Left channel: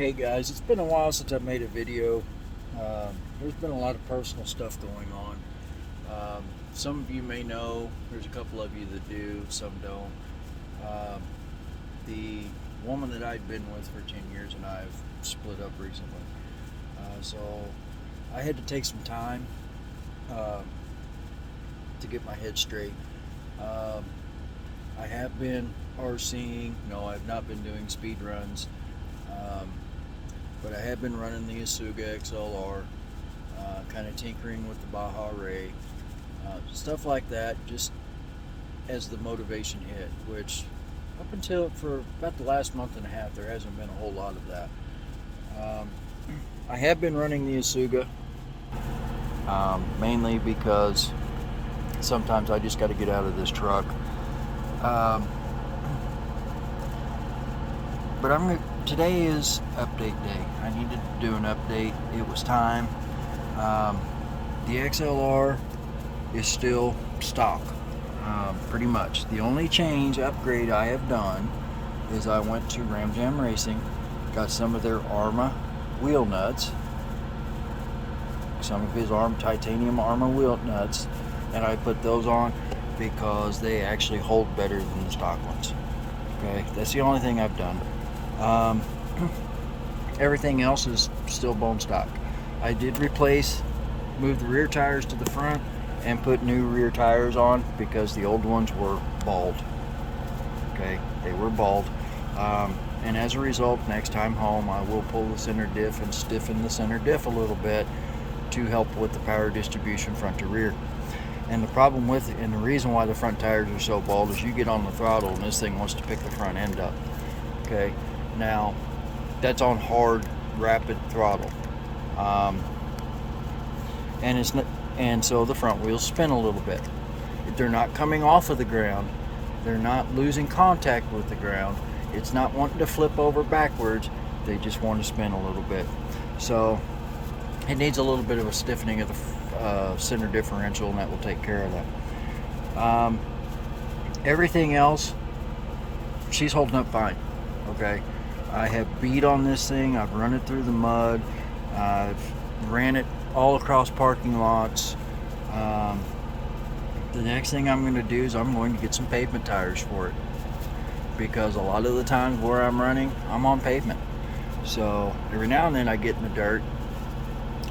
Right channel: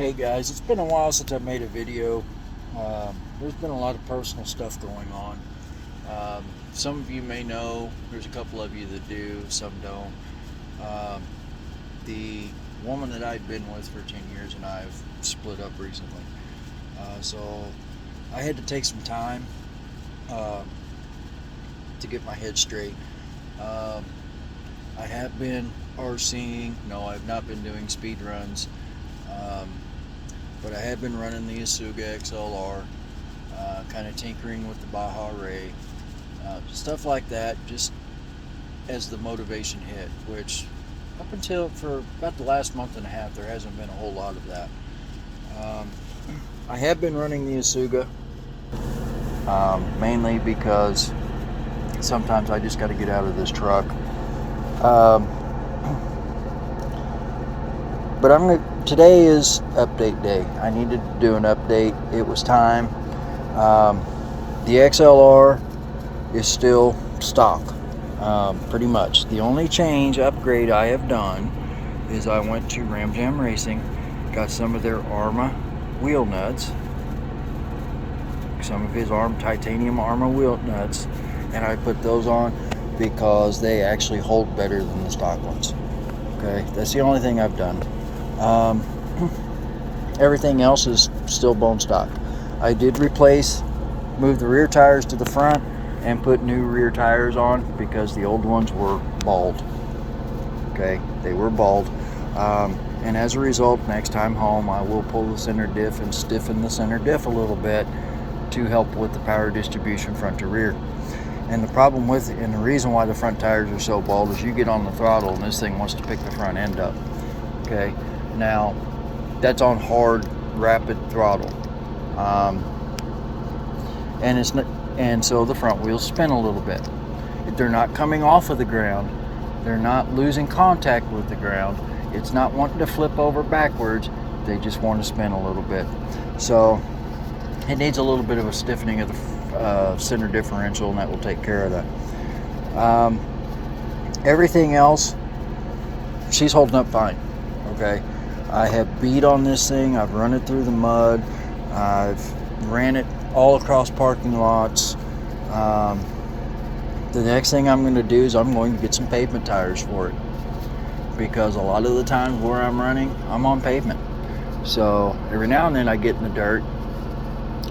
Hey guys, it's been a while since I made a video. There's been a lot of personal stuff going on. Some of you may know, there's a couple of you that do, some don't. Um, the woman that I'd been with for 10 years and I have split up recently. So I had to take some time uh, to get my head straight. Um, I have been RCing. No, I have not been doing speed runs. Um, but I have been running the Isuga XLR, kind of tinkering with the Baja Ray, stuff like that, just as the motivation hit, which up until for about the last month and a half, there hasn't been a whole lot of that. Um, I have been running the Isuga, mainly because sometimes I just got to get out of this truck. Um, but today is update day. I needed to do an update. It was time. The XLR is still stock, pretty much. The only upgrade I have done is I went to Ram Jam Racing, got some of their Arma wheel nuts, some of his titanium Arma wheel nuts, and I put those on because they actually hold better than the stock ones. Okay, that's the only thing I've done. Everything else is still bone stock. I did move the rear tires to the front and put new rear tires on because the old ones were bald. Okay, they were bald. And as a result, next time home, I will pull the center diff and stiffen the center diff a little bit to help with the power distribution front to rear. And the reason why the front tires are so bald is you get on the throttle and this thing wants to pick the front end up. Okay, now that's on hard, rapid throttle, and so the front wheels spin a little bit. They're not coming off of the ground. They're not losing contact with the ground. It's not wanting to flip over backwards. They just want to spin a little bit. So it needs a little bit of a stiffening of the center differential, and that will take care of that. Everything else, she's holding up fine. Okay, I have beat on this thing. I've run it through the mud. I've ran it all across parking lots. The next thing I'm going to do is I'm going to get some pavement tires for it, because a lot of the times where I'm running, I'm on pavement. So every now and then I get in the dirt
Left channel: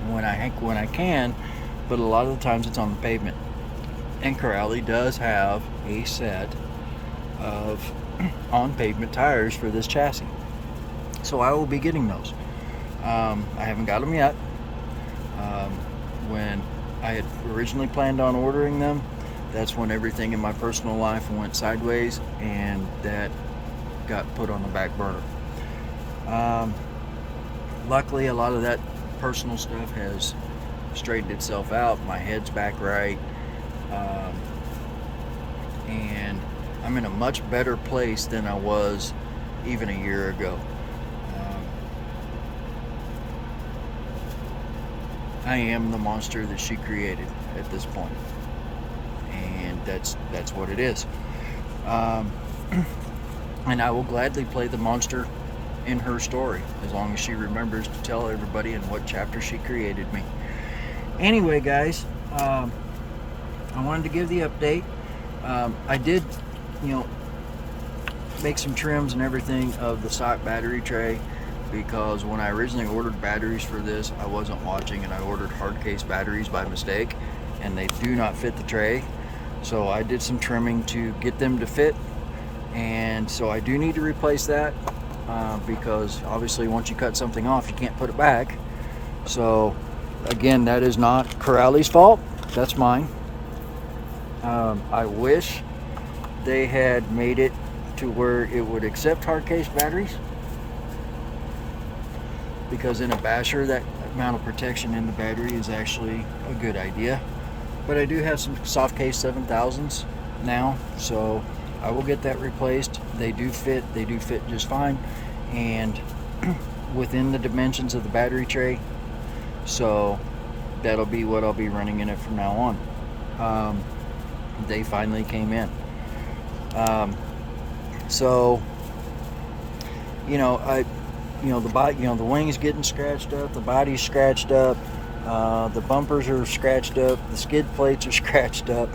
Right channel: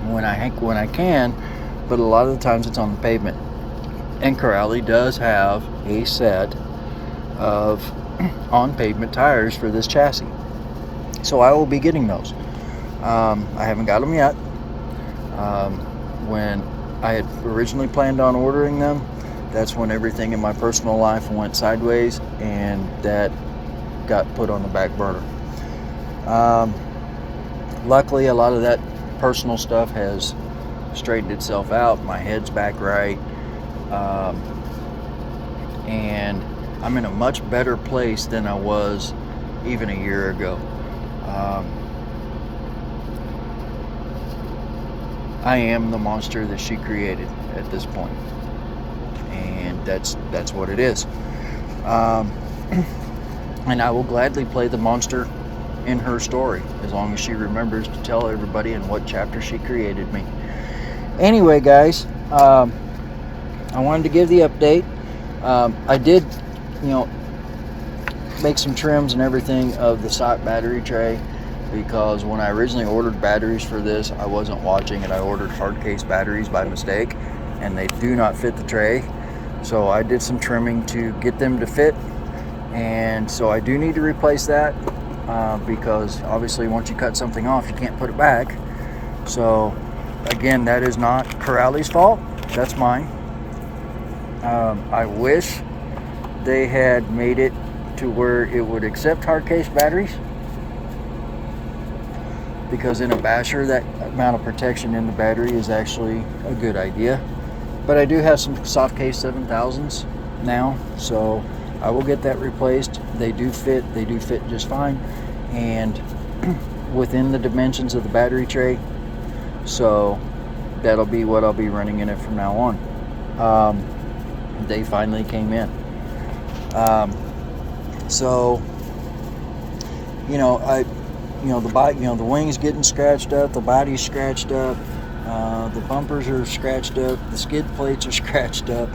when I can, but a lot of the times it's on the pavement. And Corrali does have a set of on pavement tires for this chassis, so I will be getting those. I haven't got them yet. When I had originally planned on ordering them, that's when everything in my personal life went sideways and that got put on the back burner. Luckily, a lot of that personal stuff has straightened itself out. My head's back right, and I'm in a much better place than I was even a year ago. I am the monster that she created at this point, and that's what it is. And I will gladly play the monster in her story as long as she remembers to tell everybody in what chapter she created me. Anyway, guys, I wanted to give the update. I did, make some trims and everything of the stock battery tray, because when I originally ordered batteries for this, I wasn't watching, and I ordered hard case batteries by mistake, and they do not fit the tray. So I did some trimming to get them to fit, and so I do need to replace that, because obviously once you cut something off, you can't put it back. So again, that is not Corrali's fault, that's mine. I wish they had made it to where it would accept hard case batteries, because in a basher, that amount of protection in the battery is actually a good idea. But I do have some soft case 7000s now, so I will get that replaced. They do fit just fine, and within the dimensions of the battery tray, so that'll be what I'll be running in it from now on. They finally came in. So the body, the wings getting scratched up, the body's scratched up, the bumpers are scratched up, the skid plates are scratched up.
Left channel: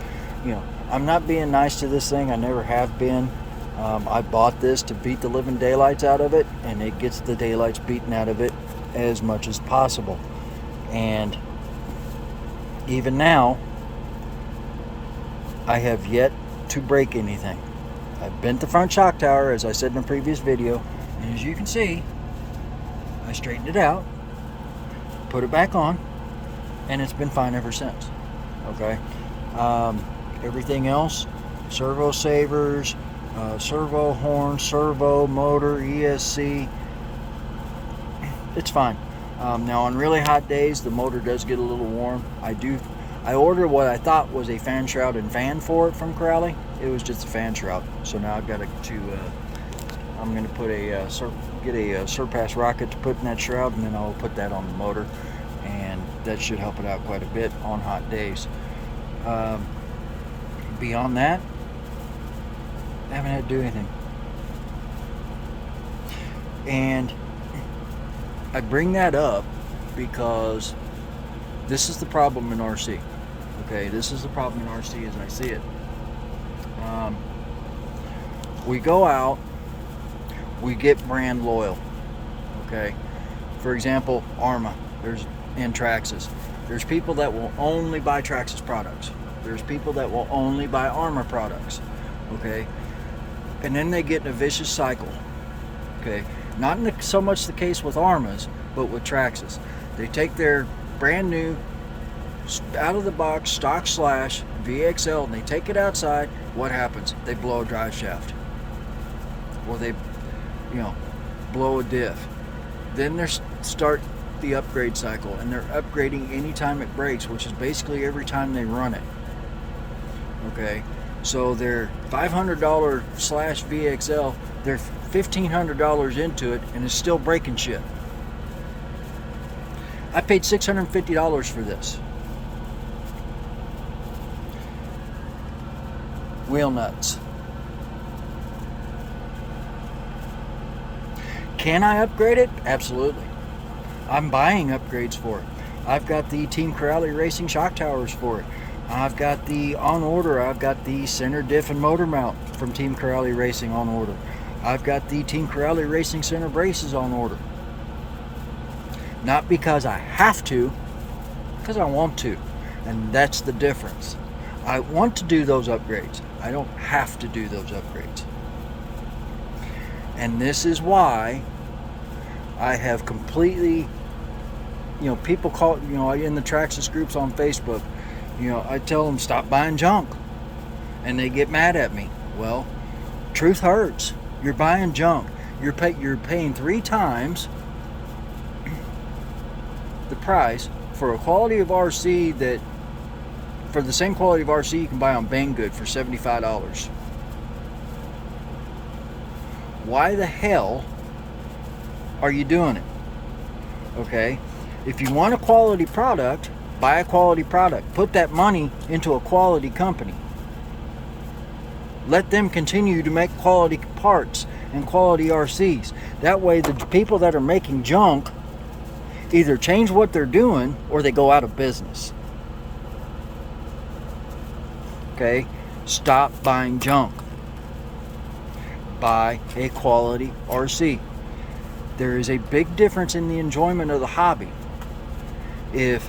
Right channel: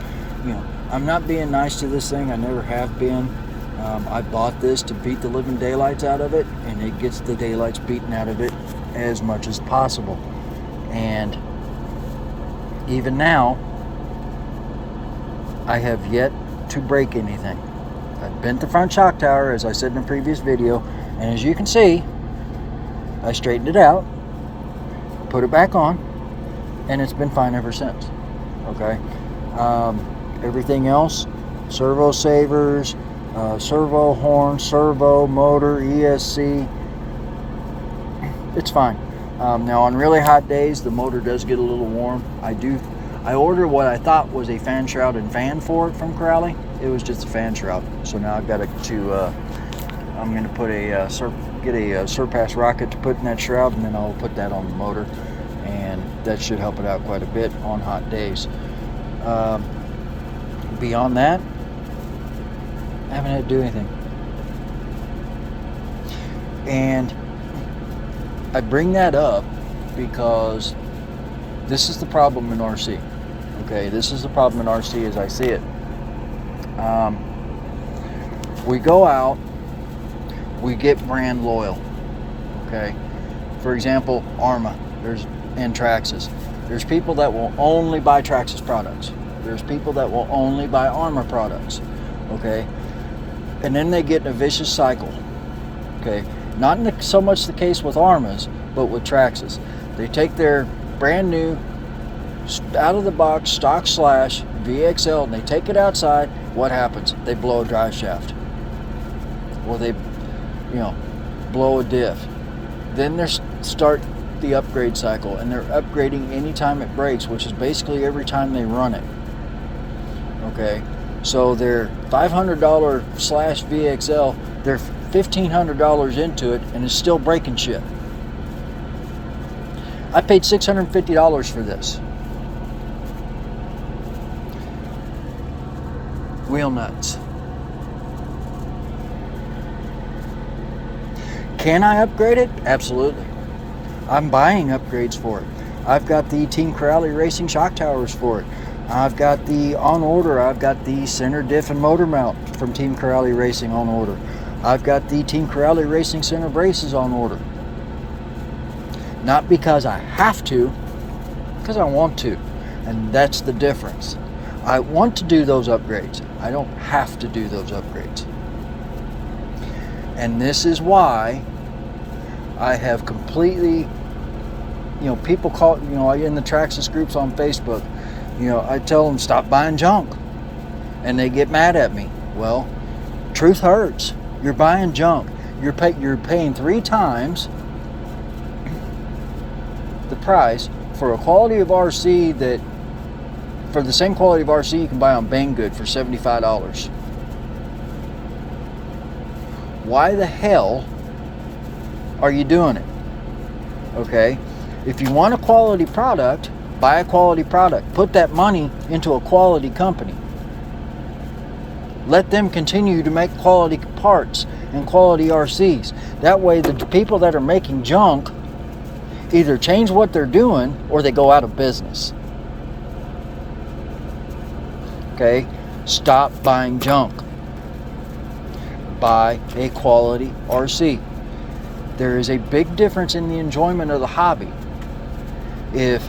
I'm not being nice to this thing. I never have been. I bought this to beat the living daylights out of it, and it gets the daylights beaten out of it as much as possible. And even now, I have yet to break anything. I've bent the front shock tower, as I said in a previous video, and as you can see, I straightened it out, put it back on, and it's been fine ever since. Okay. Everything else, servo savers, servo horn, servo motor, ESC, it's fine. Now on really hot days, the motor does get a little warm. I ordered what I thought was a fan shroud and fan for it from Crowley. It was just a fan shroud. So now I've got I'm going to put get a Surpass rocket to put in that shroud, and then I'll put that on the motor, and that should help it out quite a bit on hot days. Beyond that, I haven't had to do anything. And I bring that up because this is the problem in RC. Okay, this is the problem in RC as I see it. We go out, we get brand loyal. Okay, for example, Arrma, and Traxxas. There's people that will only buy Traxxas products. There's people that will only buy Arrma products. Okay, and then they get in a vicious cycle. Okay, not so much the case with Arrmas, but with Traxxas. They take their brand new, out of the box stock slash VXL, and they take it outside. What happens? They blow a drive shaft, or they, blow a diff. Then they start the upgrade cycle, and they're upgrading anytime it breaks, which is basically every time they run it. Okay, so their $500 slash VXL, they're $1,500 into it, and it's still breaking shit. I paid $650 for this. Wheel nuts. Can I upgrade it? Absolutely. I'm buying upgrades for it. I've got the Team Crowley Racing shock towers for it. I've got the on order. I've got the center diff and motor mount from Team Crowley Racing on order. I've got the Team Crowley Racing center braces on order. Not because I have to, because I want to. And that's the difference. I want to do those upgrades. I don't have to do those upgrades. And this is why I have completely, people call, in the Traxxas groups on Facebook, I tell them stop buying junk, and they get mad at me. Well, truth hurts. You're buying junk. You're paying 3 times the price for a quality of RC that, for the same quality of RC you can buy on Banggood for $75. Why the hell are you doing it? Okay, if you want a quality product, buy a quality product. Put that money into a quality company. Let them continue to make quality parts and quality RCs. That way the people that are making junk either change what they're doing or they go out of business. Okay, stop buying junk. Buy a quality RC. There is a big difference in the enjoyment of the hobby. If,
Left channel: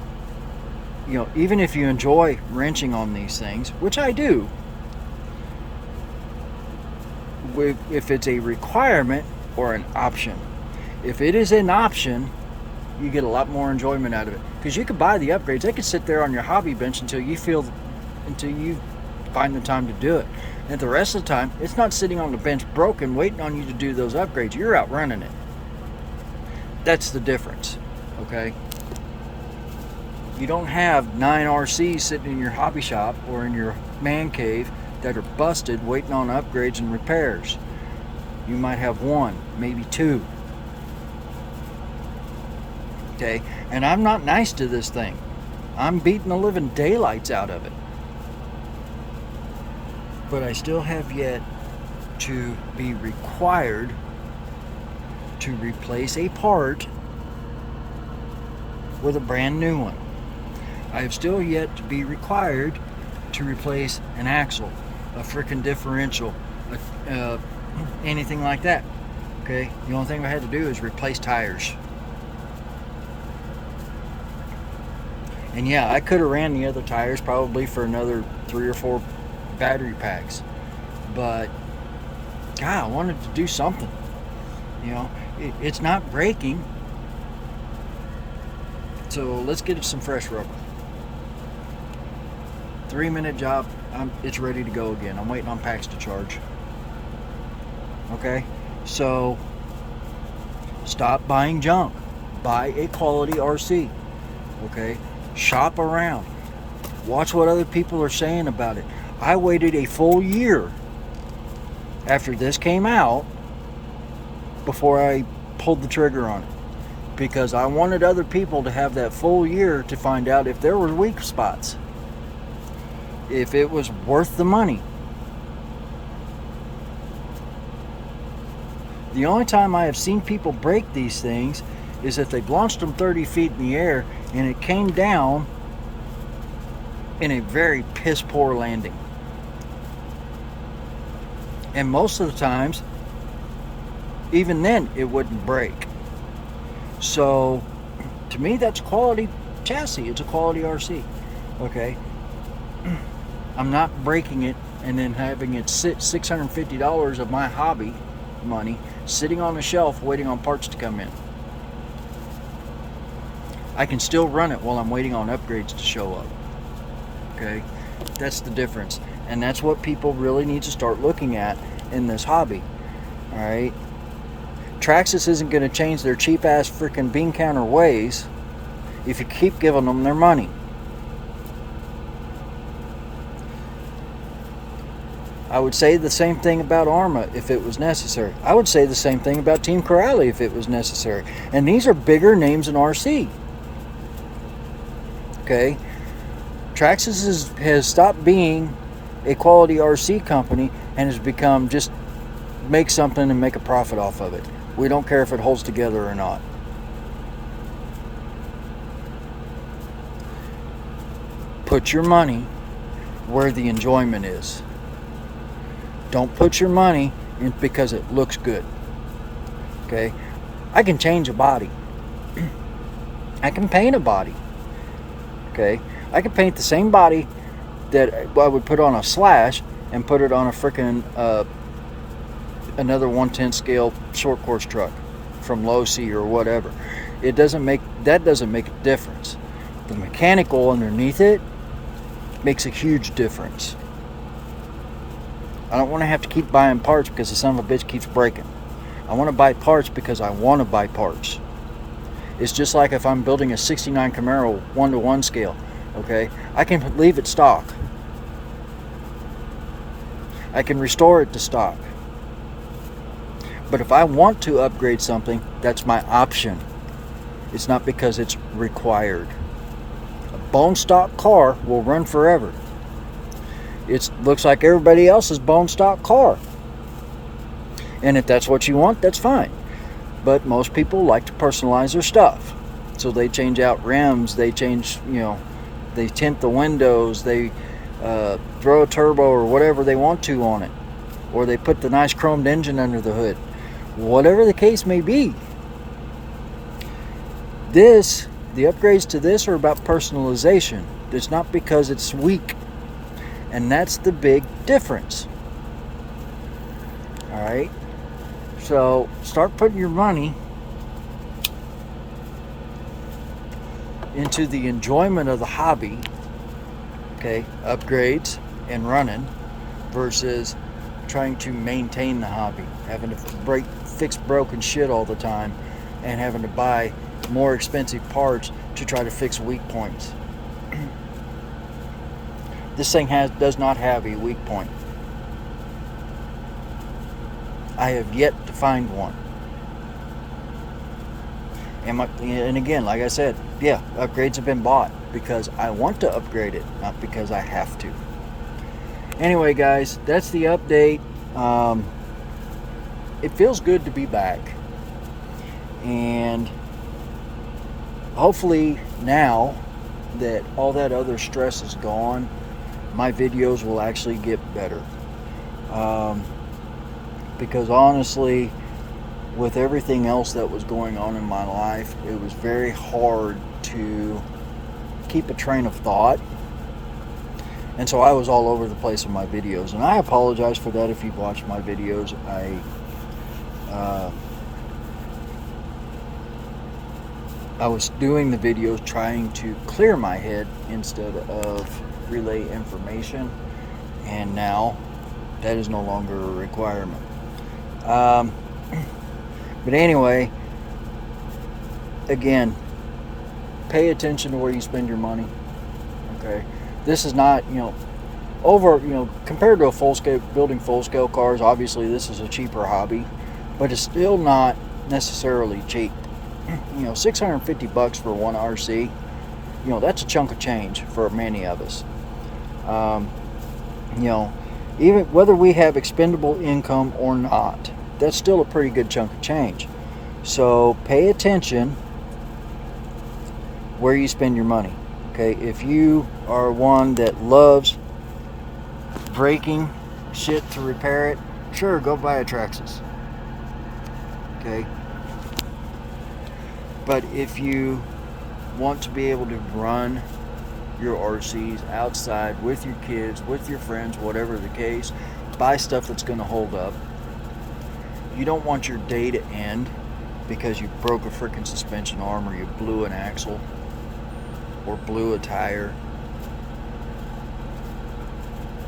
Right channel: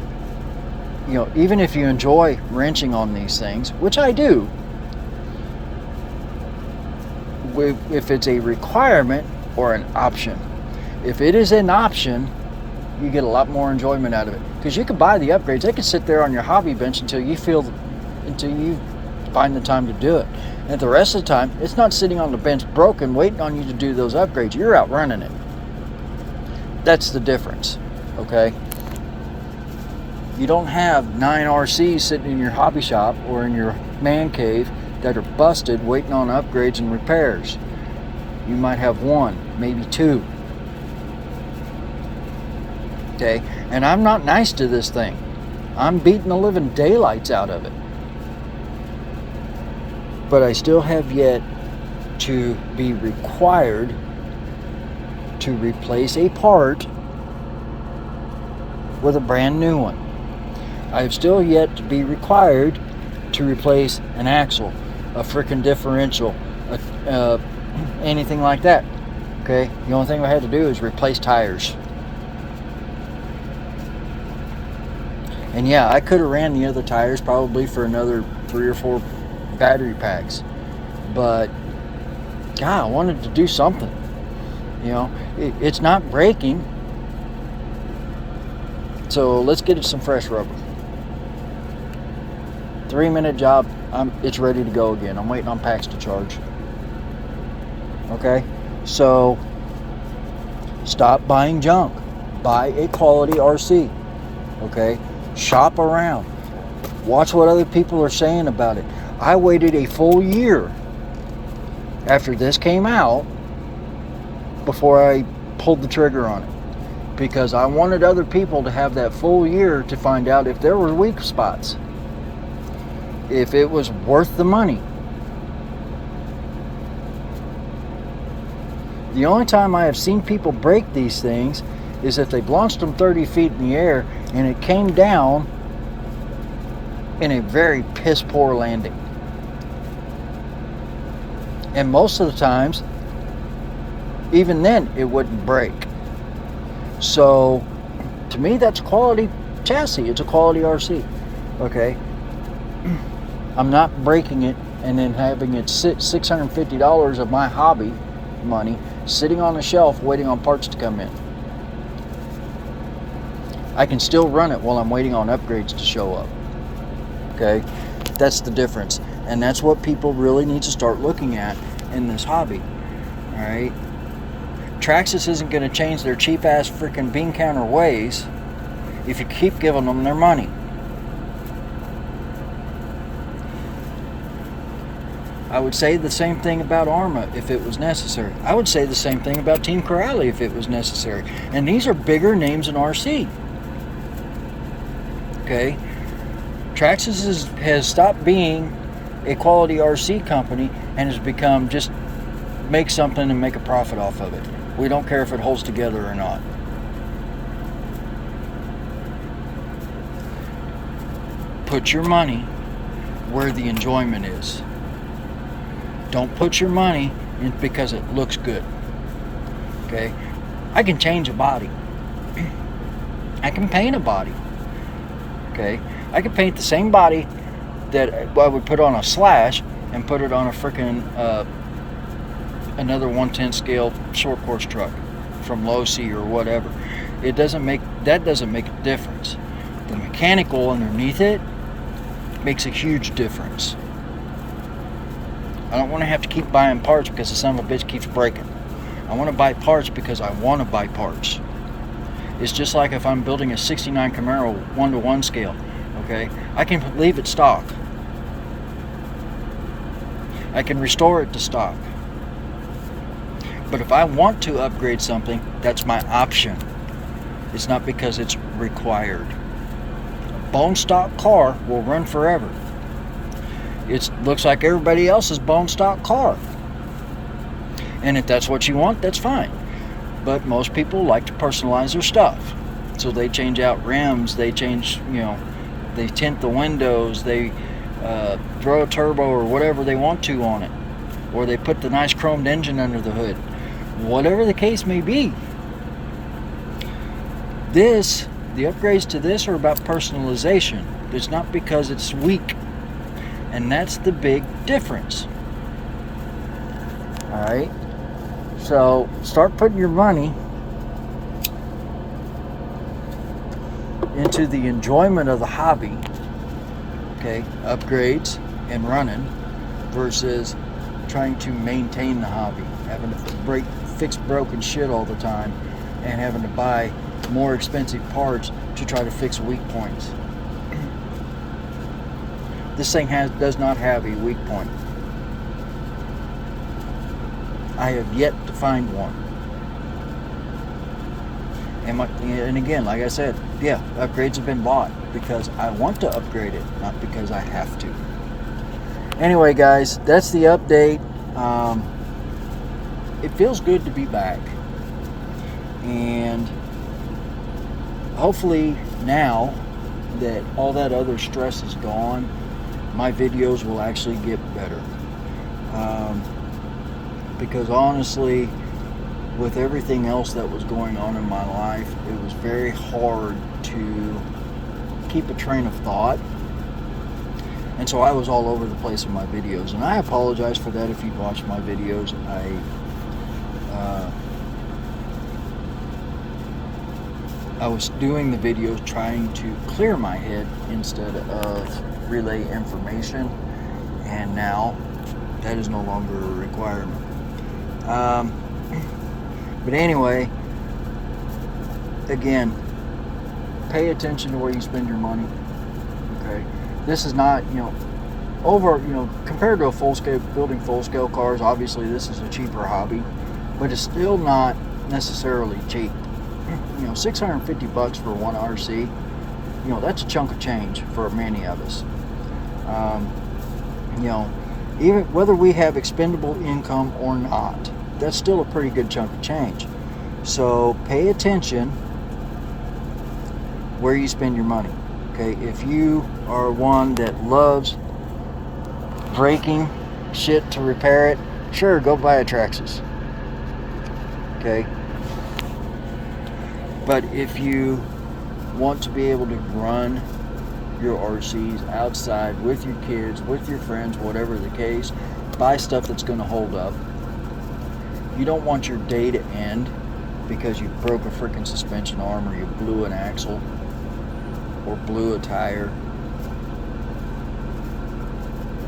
even if you enjoy wrenching on these things, which I do, if it's a requirement or an option. If it is an option, you get a lot more enjoyment out of it. Because you can buy the upgrades. They can sit there on your hobby bench until you find the time to do it. And the rest of the time, it's not sitting on the bench broken, waiting on you to do those upgrades. You're out running it. That's the difference, okay? You don't have 9 RCs sitting in your hobby shop or in your man cave that are busted waiting on upgrades and repairs. You might have 1, maybe 2. Okay? And I'm not nice to this thing. I'm beating the living daylights out of it. But I still have yet to be required to replace a part with a brand new one. I have still yet to be required to replace an axle, a freaking differential, anything like that. Okay, the only thing I had to do is replace tires. And yeah, I could have ran the other tires probably for another 3 or 4 battery packs, but God, I wanted to do something. You know, it's not breaking, so let's get it some fresh rubber. 3-minute job, it's ready to go again. I'm waiting on packs to charge. Okay, so stop buying junk. Buy a quality RC. Okay, shop around. Watch what other people are saying about it. I waited a full year after this came out before I pulled the trigger on it, because I wanted other people to have that full year to find out if there were weak spots, if it was worth the money. The only time I have seen people break these things is if they've launched them 30 feet in the air and it came down in a very piss poor landing. And most of the times, even then, it wouldn't break. So, to me, that's a quality chassis. It's a quality RC. Okay? I'm not breaking it and then having it sit $650 of my hobby money sitting on the shelf waiting on parts to come in. I can still run it while I'm waiting on upgrades to show up. Okay? That's the difference. And that's what people really need to start looking at in this hobby. Alright? Traxxas isn't going to change their cheap ass freaking bean counter ways if you keep giving them their money. I would say the same thing about Arrma if it was necessary. I would say the same thing about Team Corrali if it was necessary. And these are bigger names in RC. Okay? Traxxas has stopped being a quality RC company and has become just make something and make a profit off of it. We don't care if it holds together or not. Put your money where the enjoyment is. Don't put your money in because it looks good. Okay? I can change a body. I can paint a body. Okay? I can paint the same body that I would put on a Slash and put it on a freaking another 1/10 scale short course truck from Losi or whatever. That doesn't make a difference. The mechanical underneath it makes a huge difference. I don't want to have to keep buying parts because the son of a bitch keeps breaking. I want to buy parts because I want to buy parts. It's just like if I'm building a 69 Camaro 1-to-1 scale. Okay, I can leave it stock. I can restore it to stock. But if I want to upgrade something, that's my option. It's not because it's required. A bone stock car will run forever. It looks like everybody else's bone stock car. And if that's what you want, that's fine. But most people like to personalize their stuff. So they change out rims, they change, they tint the windows, they throw a turbo or whatever they want to on it. Or they put the nice chromed engine under the hood. Whatever the case may be. The upgrades to this are about personalization. It's not because it's weak. And that's the big difference. Alright? So, start putting your money into the enjoyment of the hobby. Okay? Upgrades and running versus trying to maintain the hobby. Having to fix broken shit all the time and having to buy more expensive parts to try to fix weak points. This thing does not have a weak point. I have yet to find one. And again, like I said, yeah, upgrades have been bought because I want to upgrade it, not because I have to. Anyway, guys, that's the update. It feels good to be back. And hopefully now that all that other stress is gone, my videos will actually get better. Because honestly, with everything else that was going on in my life, it was very hard to keep a train of thought. And so I was all over the place in my videos. And I apologize for that if you've watched my videos. I was doing the videos trying to clear my head instead of relay information. And now that is no longer a requirement. But anyway, again, pay attention to where you spend your money. Okay, this is not, compared to building full scale cars. Obviously, this is a cheaper hobby, but it's still not necessarily cheap. $650 for one RC. That's a chunk of change for many of us. Even whether we have expendable income or not, that's still a pretty good chunk of change. So pay attention where you spend your money. Okay, if you are one that loves breaking shit to repair it, sure, go buy a Traxxas. Okay, but if you want to be able to run your RCs outside with your kids, with your friends, whatever the case, buy stuff that's going to hold up. You don't want your day to end because you broke a freaking suspension arm, or you blew an axle, or blew a tire.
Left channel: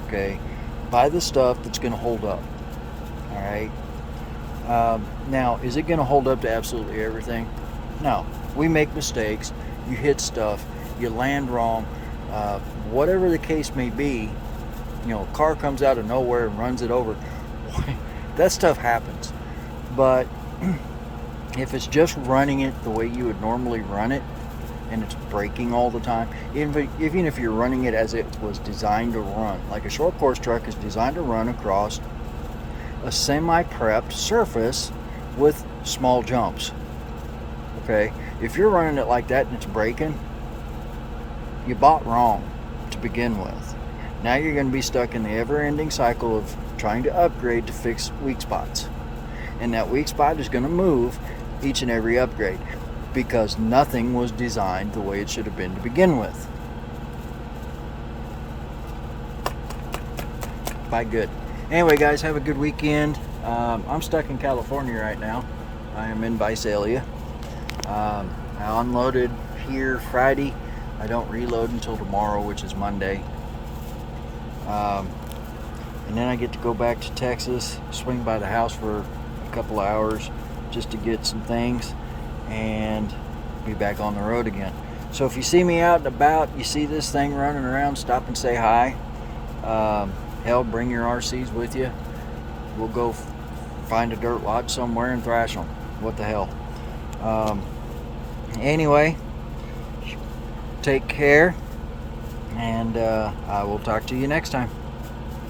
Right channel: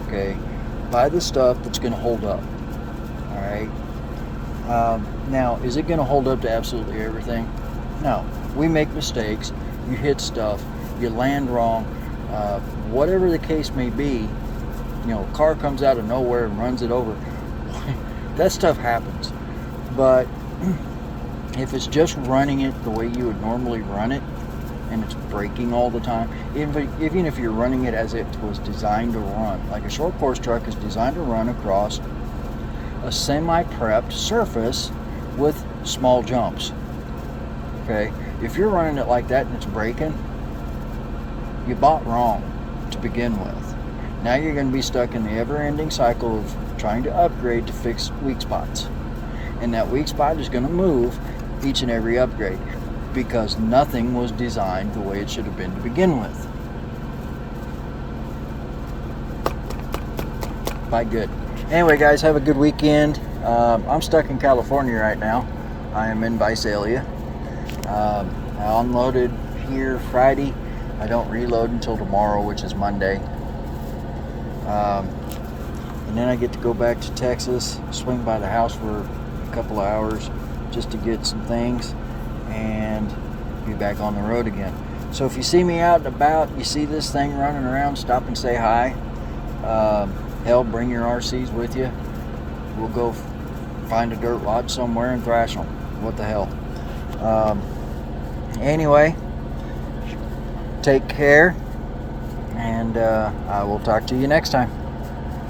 Okay, buy the stuff that's going to hold up. All right. Now, is it going to hold up to absolutely everything? No. We make mistakes. You hit stuff. You land wrong. Whatever the case may be, a car comes out of nowhere and runs it over. That stuff happens. But if it's just running it the way you would normally run it, and it's braking all the time, even if you're running it as it was designed to run, like a short course truck is designed to run across a semi-prepped surface with small jumps. Okay, if you're running it like that and it's braking, you bought wrong to begin with. Now you're going to be stuck in the ever-ending cycle of trying to upgrade to fix weak spots. And that weak spot is going to move each and every upgrade, because nothing was designed the way it should have been to begin with. By good. Anyway, guys, have a good weekend. I'm stuck in California right now. I am in Visalia. I unloaded here Friday. I don't reload until tomorrow, which is Monday. And then I get to go back to Texas, swing by the house for a couple of hours just to get some things, and be back on the road again. So if you see me out and about, you see this thing running around, stop and say hi. Hell, bring your RCs with you. We'll go find a dirt lot somewhere and thrash them. What the hell? Anyway, take care, and I will talk to you next time.